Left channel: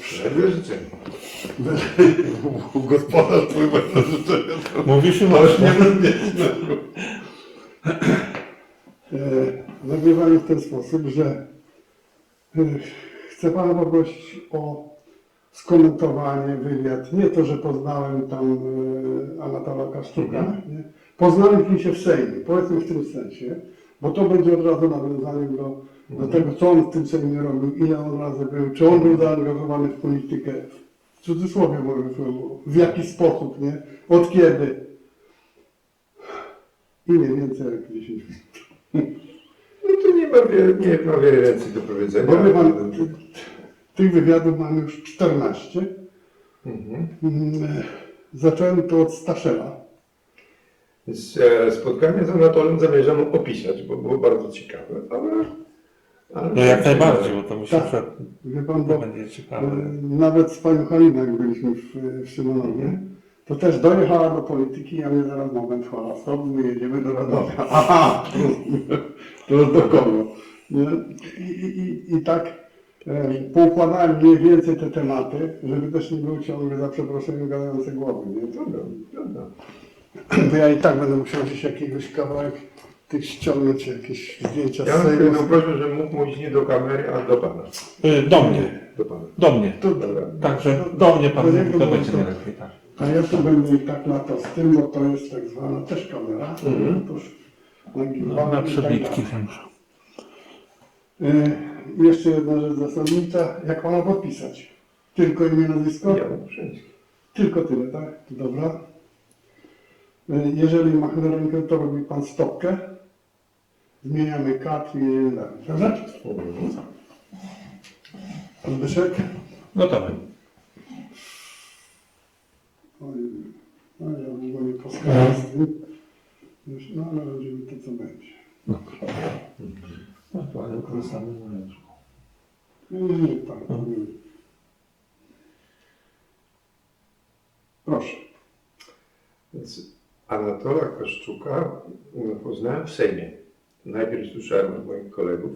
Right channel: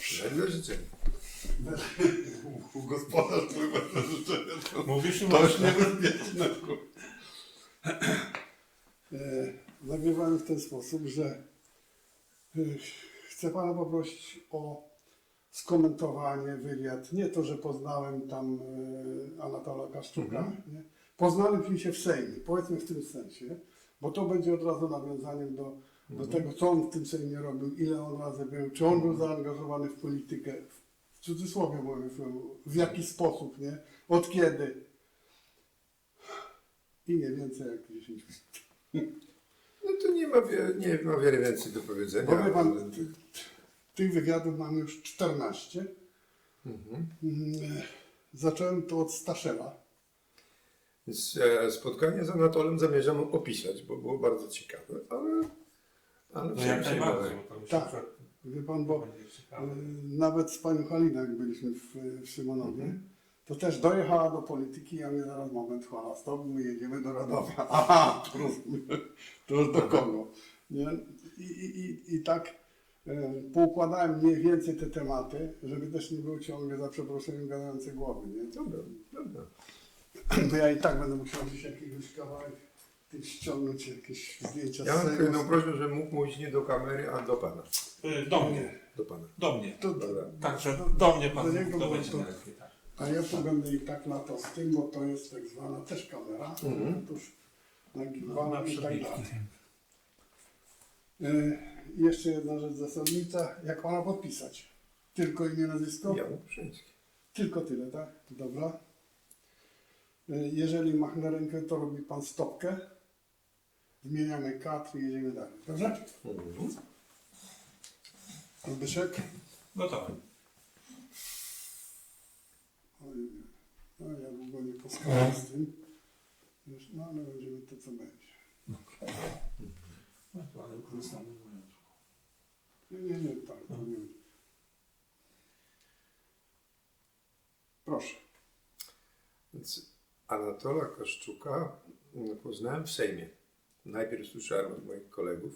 Dobrze. Wedle życzenia. Gospodarz twój wedle życzenia. Mówisz To już nie bezpieczne. E, Nagrywamy w ten sposób, że e, chcę Pana poprosić o skomentowanie wywiad. Nie to, że poznałem tam e, Anatola Kaszczuka. Nie? Poznałem się w Sejmie, powiedzmy w tym sensie, bo to będzie od razu nawiązaniem do, do tego, co on w tym Sejmie robił, ile on razy był, czy on był zaangażowany w politykę, w cudzysłowie mówię, w jaki sposób, nie? Od kiedy? I nie więcej jak 10 minut. No to nie ma wiele, nie ma wiele więcej do powiedzenia. Bo pan, ty- tych wywiadów mam już 14. Mhm. Mm, Zacząłem to od Staszela. E, spotkanie z Anatolem zamierzam opisać, bo było bardzo ciekawe, ale... ale No jak najbardziej, bo to myślę, Tak. że Wie pan, to bo będzie ciekawe. nawet z panią Haliną, jak byliśmy w, w Szymonowie, to też dojechała do polityki, a mnie zaraz moment chwała, stop, my jedziemy do Radomia. Aha, to już do kogo? Nie? I, i, i, I tak e, poukładałem mniej więcej te tematy, żeby też nie było ciągle za przeproszeniem gadające głowy. Nie? Trudno, trudno. To ja i tak będę musiał gdzieś jakiegoś kawałek tych ściągnąć, jakieś zdjęcia Ja z mam Sejmu. tylko prośbę, żebym mógł mówić nie do kamery, a do pana. Y, Do mnie, Do pana. do mnie. To, Dobra. Także do mnie pan To mówi, to będzie najlepiej. Tak. A ja tu będę i tak latał z tym, bo to jest tak zwana też kamera. Mhm. Otóż No, na i tak przebitki dalej. wiem. Y, jeszcze jedna rzecz zasadnicza. Jak pana podpisać? Tylko imię, nazwisko? Brzeński. Tylko tyle, tak? Dobra. Y, jeżeli machnę rękę, to robi pan stopkę. Zmieniamy kat i dalej. Dobrze? Pan Byszek? Gotowy. Oj, No ja długo nie poskalam z tym. Już, no ale będziemy to, co będzie. No, to ale korzystamy z ręczką. Nie, nie, nie, tak. nie. Proszę. Więc Anatola Kaszczuka no, poznałem w Sejmie. Najpierw słyszałem od moich kolegów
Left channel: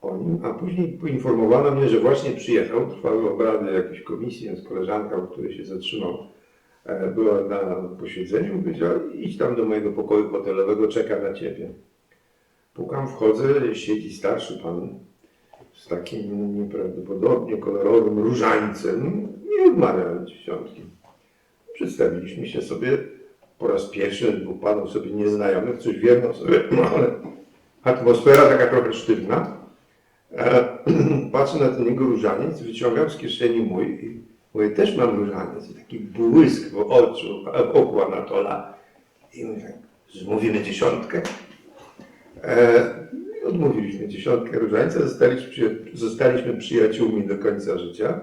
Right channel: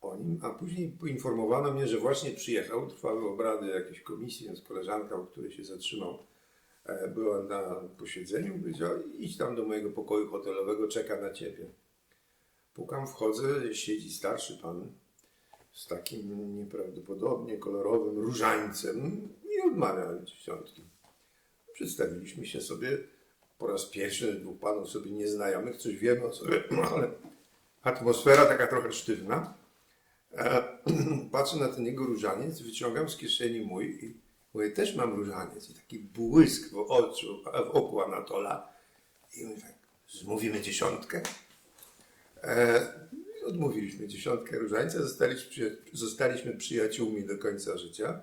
o nim, a później poinformowano mnie, że właśnie przyjechał. Trwały obrady jakiejś komisji, więc koleżanka, u której się zatrzymał, e, była na posiedzeniu powiedziała, idź tam do mojego pokoju hotelowego, czeka na ciebie. Pukam, wchodzę, siedzi starszy pan z takim nieprawdopodobnie kolorowym różańcem i odmawiam dziesiątki. Przedstawiliśmy się sobie po raz pierwszy, dwóch panów sobie nieznajomych, coś wiemy o sobie, no ale atmosfera taka trochę sztywna. E, patrzę na ten jego różaniec, wyciągam z kieszeni mój i mówię, też mam różaniec. I taki błysk w oczu, w oku Anatola. I mówię, zmówimy dziesiątkę. E, odmówiliśmy dziesiątkę różańca, zostaliśmy, zostaliśmy przyjaciółmi do końca życia.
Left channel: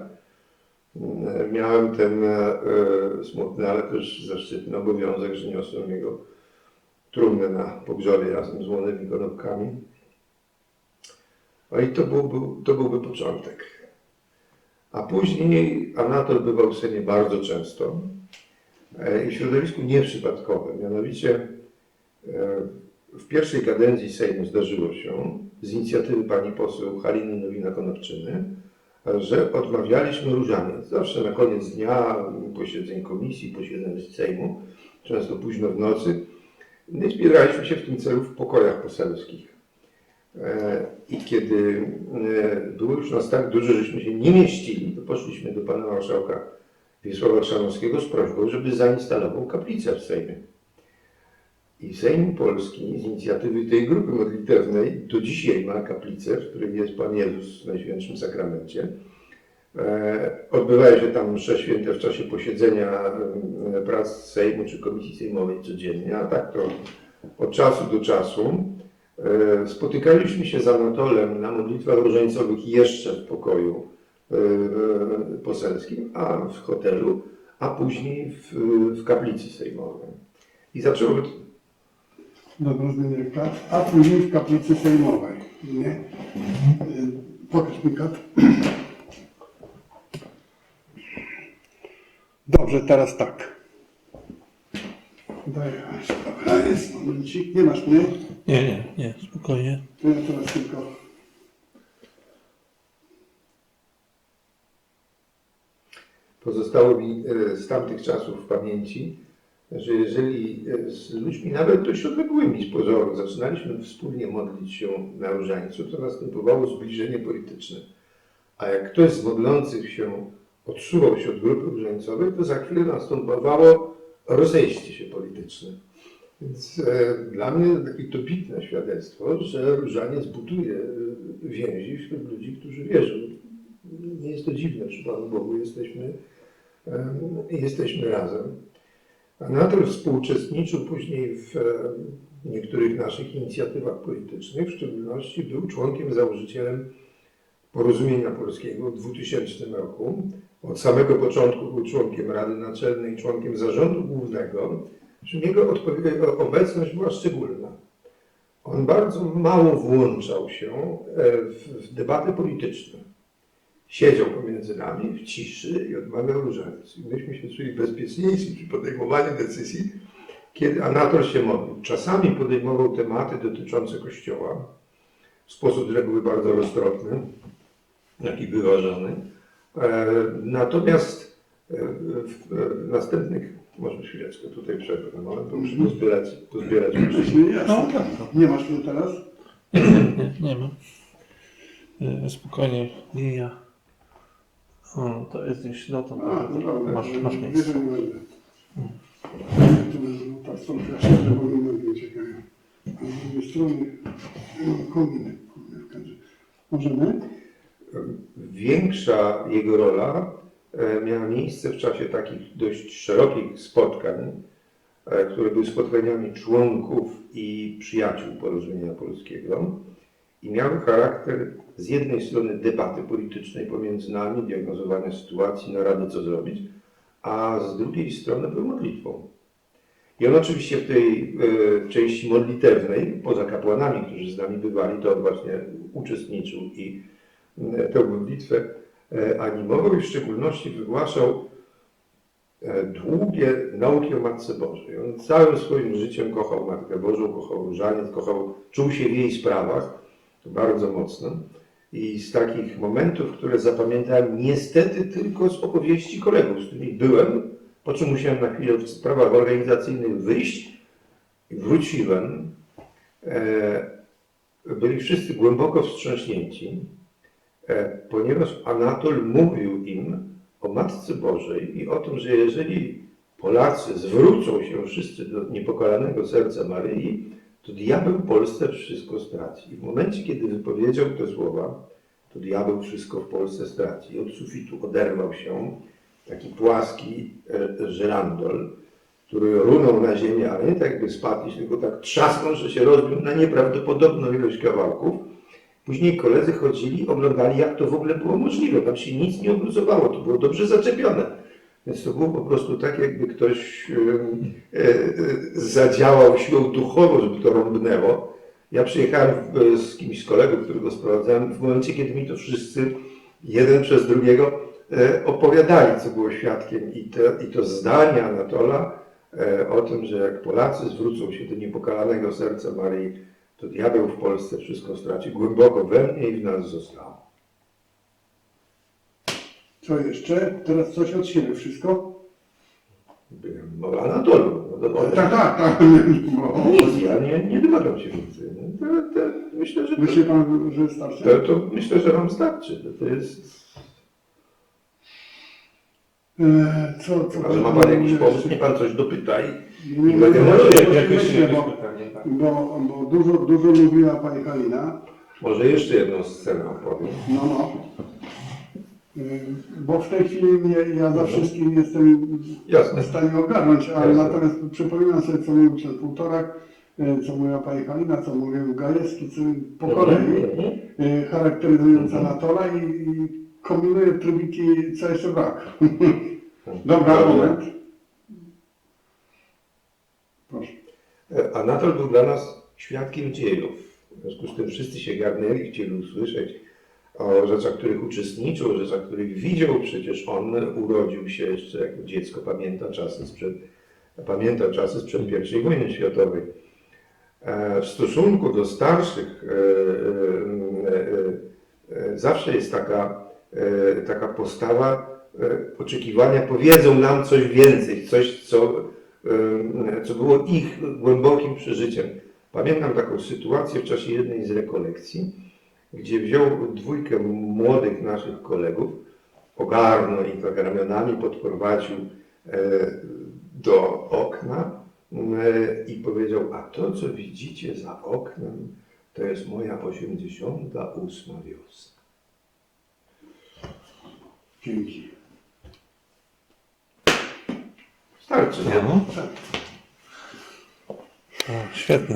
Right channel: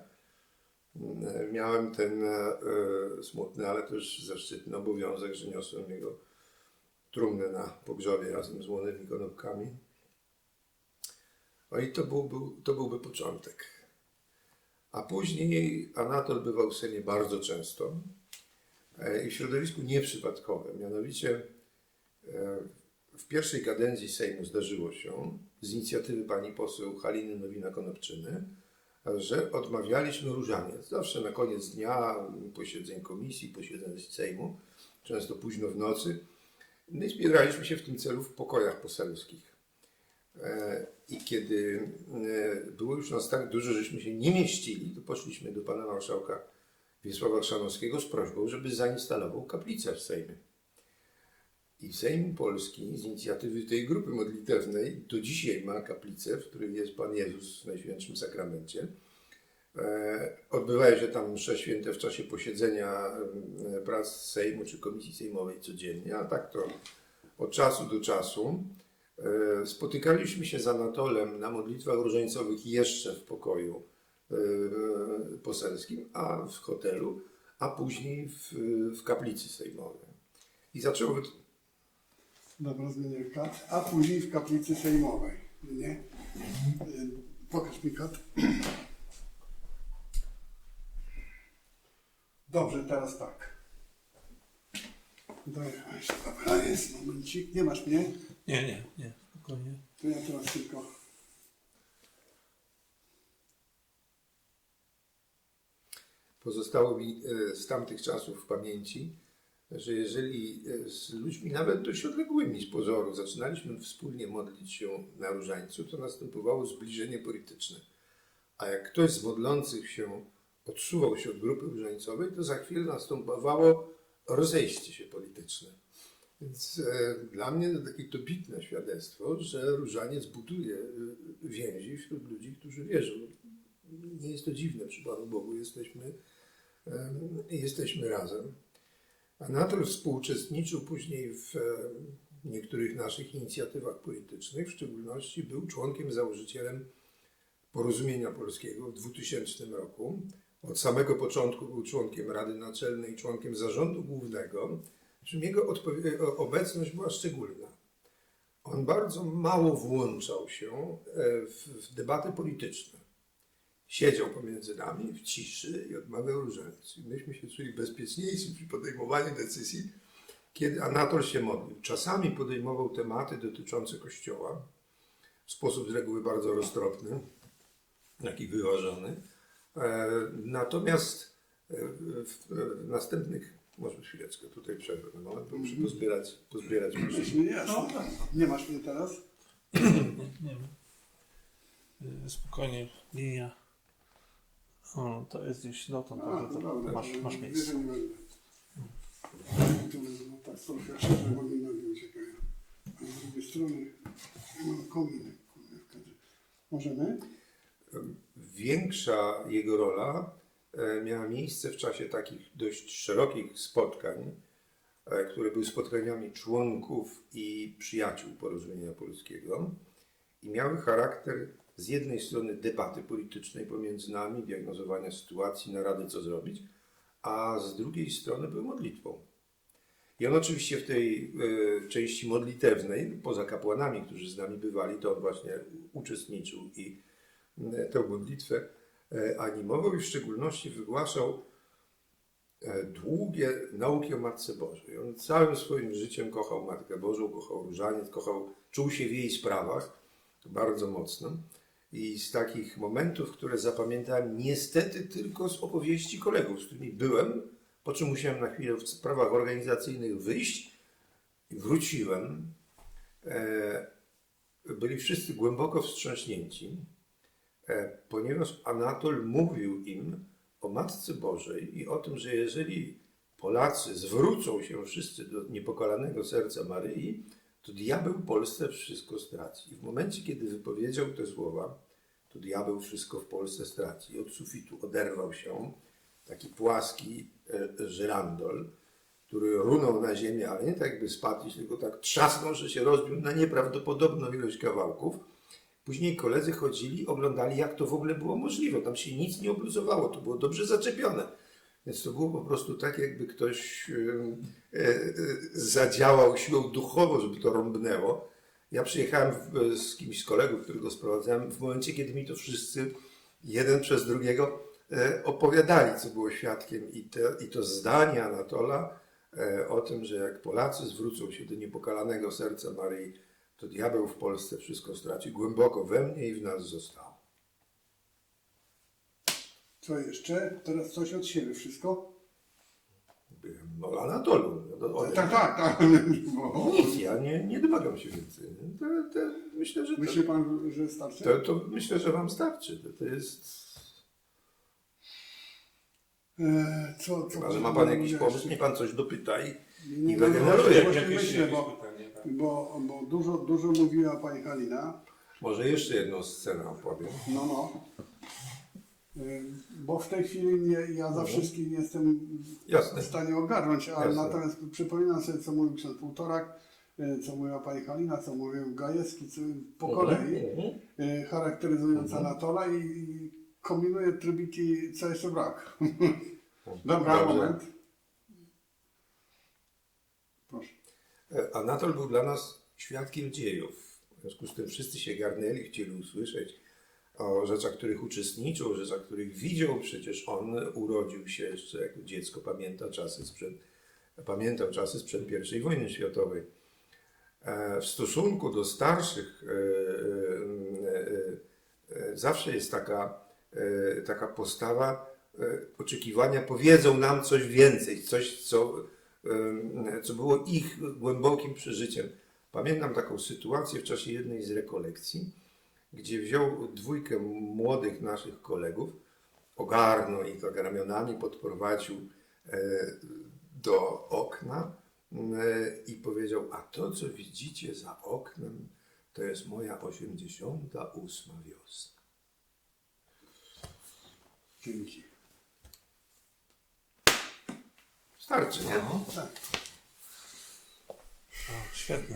Miałem ten e, e, smutny, ale też zaszczytny obowiązek, że niosłem jego trumnę na pogrzebie razem z młodymi konopkami. No i to byłby, to byłby początek. A później Anatol bywał w Sejmie bardzo często e, i w środowisku nieprzypadkowym. Mianowicie w pierwszej kadencji Sejmu zdarzyło się z inicjatywy pani poseł Haliny Nowina-Konopczyny, że odmawialiśmy różaniec. Zawsze na koniec dnia posiedzeń komisji, posiedzeń Sejmu, często późno w nocy. No i zbieraliśmy się w tym celu w pokojach poselskich. E, I kiedy e, było już nas tak dużo, żeśmy się nie mieścili, to poszliśmy do pana marszałka Wiesława Chrzanowskiego z prośbą, żeby zainstalował kaplicę w Sejmie. I Sejm Polski z inicjatywy tej grupy modlitewnej do dzisiaj ma kaplicę, w której jest Pan Jezus w Najświętszym Sakramencie. E, Odbywają się tam msze święte w czasie posiedzenia e, prac Sejmu czy Komisji Sejmowej codziennie, a tak to od czasu do czasu. E, Spotykaliśmy się z Anatolem na modlitwach różańcowych jeszcze w pokoju poselskim, a w hotelu, a później w, w kaplicy sejmowej. I zaczęły Dobra, zmienię kat. A później w kaplicy sejmowej. Nie? Pokaż mi kat. Dobrze, teraz tak. Daj, a jest momencik. Nie masz mnie? Nie, nie, nie, spokojnie. To ja teraz tylko pozostało mi e, z tamtych czasów w pamięci, że jeżeli e, z ludźmi nawet dość odległymi z pozoru zaczynaliśmy wspólnie modlić się na różańcu, to następowało zbliżenie polityczne. A jak ktoś z modlących się odsuwał się od grupy różańcowej, to za chwilę następowało rozejście się polityczne. Więc e, dla mnie takie dobitne świadectwo, że różaniec buduje e, więzi wśród ludzi, którzy wierzą. Nie jest to dziwne, przy Panu Bogu jesteśmy, e, jesteśmy razem. Anatol współuczestniczył później w e, niektórych naszych inicjatywach politycznych, w szczególności był członkiem założycielem Porozumienia Polskiego w 2000 roku. Od samego początku był członkiem Rady Naczelnej, członkiem Zarządu Głównego, jego odpowie- obecność była szczególna. On bardzo mało włączał się e, w debaty polityczne. Siedział pomiędzy nami w ciszy i odmawiał różaniec. I myśmy się czuli bezpieczniejsi przy podejmowaniu decyzji, kiedy Anatol się modlił. Czasami podejmował tematy dotyczące Kościoła w sposób z reguły bardzo roztropny, jak i wyważony. E, Natomiast e, w, następnych, może chwileczkę tutaj przerwę na moment, bo muszę pozbierać, pozbierać myśli. Właśnie jasne. Nie masz mnie teraz? Nie, nie, nie mam. E, Spokojnie, nie ja. Hmm, to jest gdzieś dotąd. A, to. Masz, masz miejsce. że nie będę. Tu będą ta stronka szczerze, bo mi nogi uciekają. A z drugiej strony no, kominek, w kadrze. Możemy? Większa jego rola e, miała miejsce w czasie takich dość szerokich spotkań, e, które były spotkaniami członków i przyjaciół Porozumienia Polskiego i miały charakter z jednej strony debaty politycznej pomiędzy nami, diagnozowania sytuacji, narady co zrobić, a z drugiej strony były modlitwą. I on oczywiście w tej e, części modlitewnej, poza kapłanami, którzy z nami bywali, to on właśnie uczestniczył i e, tę modlitwę e, animował i w szczególności wygłaszał długie nauki o Matce Bożej. On całym swoim życiem kochał Matkę Bożą, kochał różaniec, kochał, czuł się w jej sprawach bardzo mocno. I z takich momentów, które zapamiętałem niestety tylko z opowieści kolegów, z którymi byłem, po czym musiałem na chwilę w sprawach organizacyjnych wyjść i wróciłem. E, byli wszyscy głęboko wstrząśnięci, e, ponieważ Anatol mówił im o Matce Bożej i o tym, że jeżeli Polacy zwrócą się wszyscy do niepokalanego serca Maryi, to diabeł Polsce wszystko straci. I w momencie, kiedy wypowiedział te słowa, to diabeł wszystko w Polsce straci. I od sufitu oderwał się taki płaski e, żyrandol, który runął na ziemię, ale nie tak jakby spadł, tylko tak trzasnął, że się rozbił na nieprawdopodobną ilość kawałków. Później koledzy chodzili, oglądali, jak to w ogóle było możliwe. Tam się nic nie obluzowało, to było dobrze zaczepione. Więc to było po prostu tak, jakby ktoś e, e, zadziałał siłą duchową, żeby to rąbnęło. Ja przyjechałem z kimś z kolegów, którego sprowadzałem, w momencie, kiedy mi to wszyscy, jeden przez drugiego, e, opowiadali, co było świadkiem. I to, i to zdanie Anatola o tym, że jak Polacy zwrócą się do niepokalanego serca Maryi, to diabeł w Polsce wszystko straci. Głęboko we mnie i w nas zostało. Co jeszcze? Teraz coś od siebie, wszystko? Byłem o Anatolu. No, to- Tak, tak, tak. Bo- Nic, ja nie, nie domagam się więcej. nie? To, to, myślę, że Myśli to, pan, że starczy? to, to myślę, że wam starczy. To, to jest. E, Co, co? Chyba, że ma pan jakiś pomysł, nie pan coś dopytaj. Nie, nie, nie, na- jakieś- myślę, jakieś bo, pytanie, tak. bo, bo dużo, dużo mówiła pani Halina. Może jeszcze jedną scenę opowiem. No, no. Y, Bo w tej chwili ja za wszystkim jestem Jasne. w stanie ogarnąć, ale Jasne. natomiast przypominam sobie, co mówił ksiądz Półtorak, y, co mówiła pani Halina, co mówił Gajewski, co po kolei, Mhm. y, charakteryzując Mhm. Anatola i, i kombinuję trybiki, co jeszcze brak. Dobra, moment. Proszę. E, Anatol był dla nas świadkiem dziejów. W związku z tym wszyscy się garnęli, chcieli usłyszeć o rzeczach, których uczestniczył, o rzeczach, których widział. Przecież on urodził się jeszcze jako dziecko, pamięta czasy sprzed, pamiętał czasy sprzed I wojny światowej. E, W stosunku do starszych e, e, zawsze jest taka, taka postawa oczekiwania powiedzą nam coś więcej, coś, co, co było ich głębokim przeżyciem. Pamiętam taką sytuację w czasie jednej z rekolekcji, gdzie wziął dwójkę młodych naszych kolegów, ogarnął ich tak ramionami, podprowadził e, do okna e, i powiedział, a to co widzicie za oknem, to jest moja 88 wiosna. Dzięki. Starczy, nie? No. O, świetne.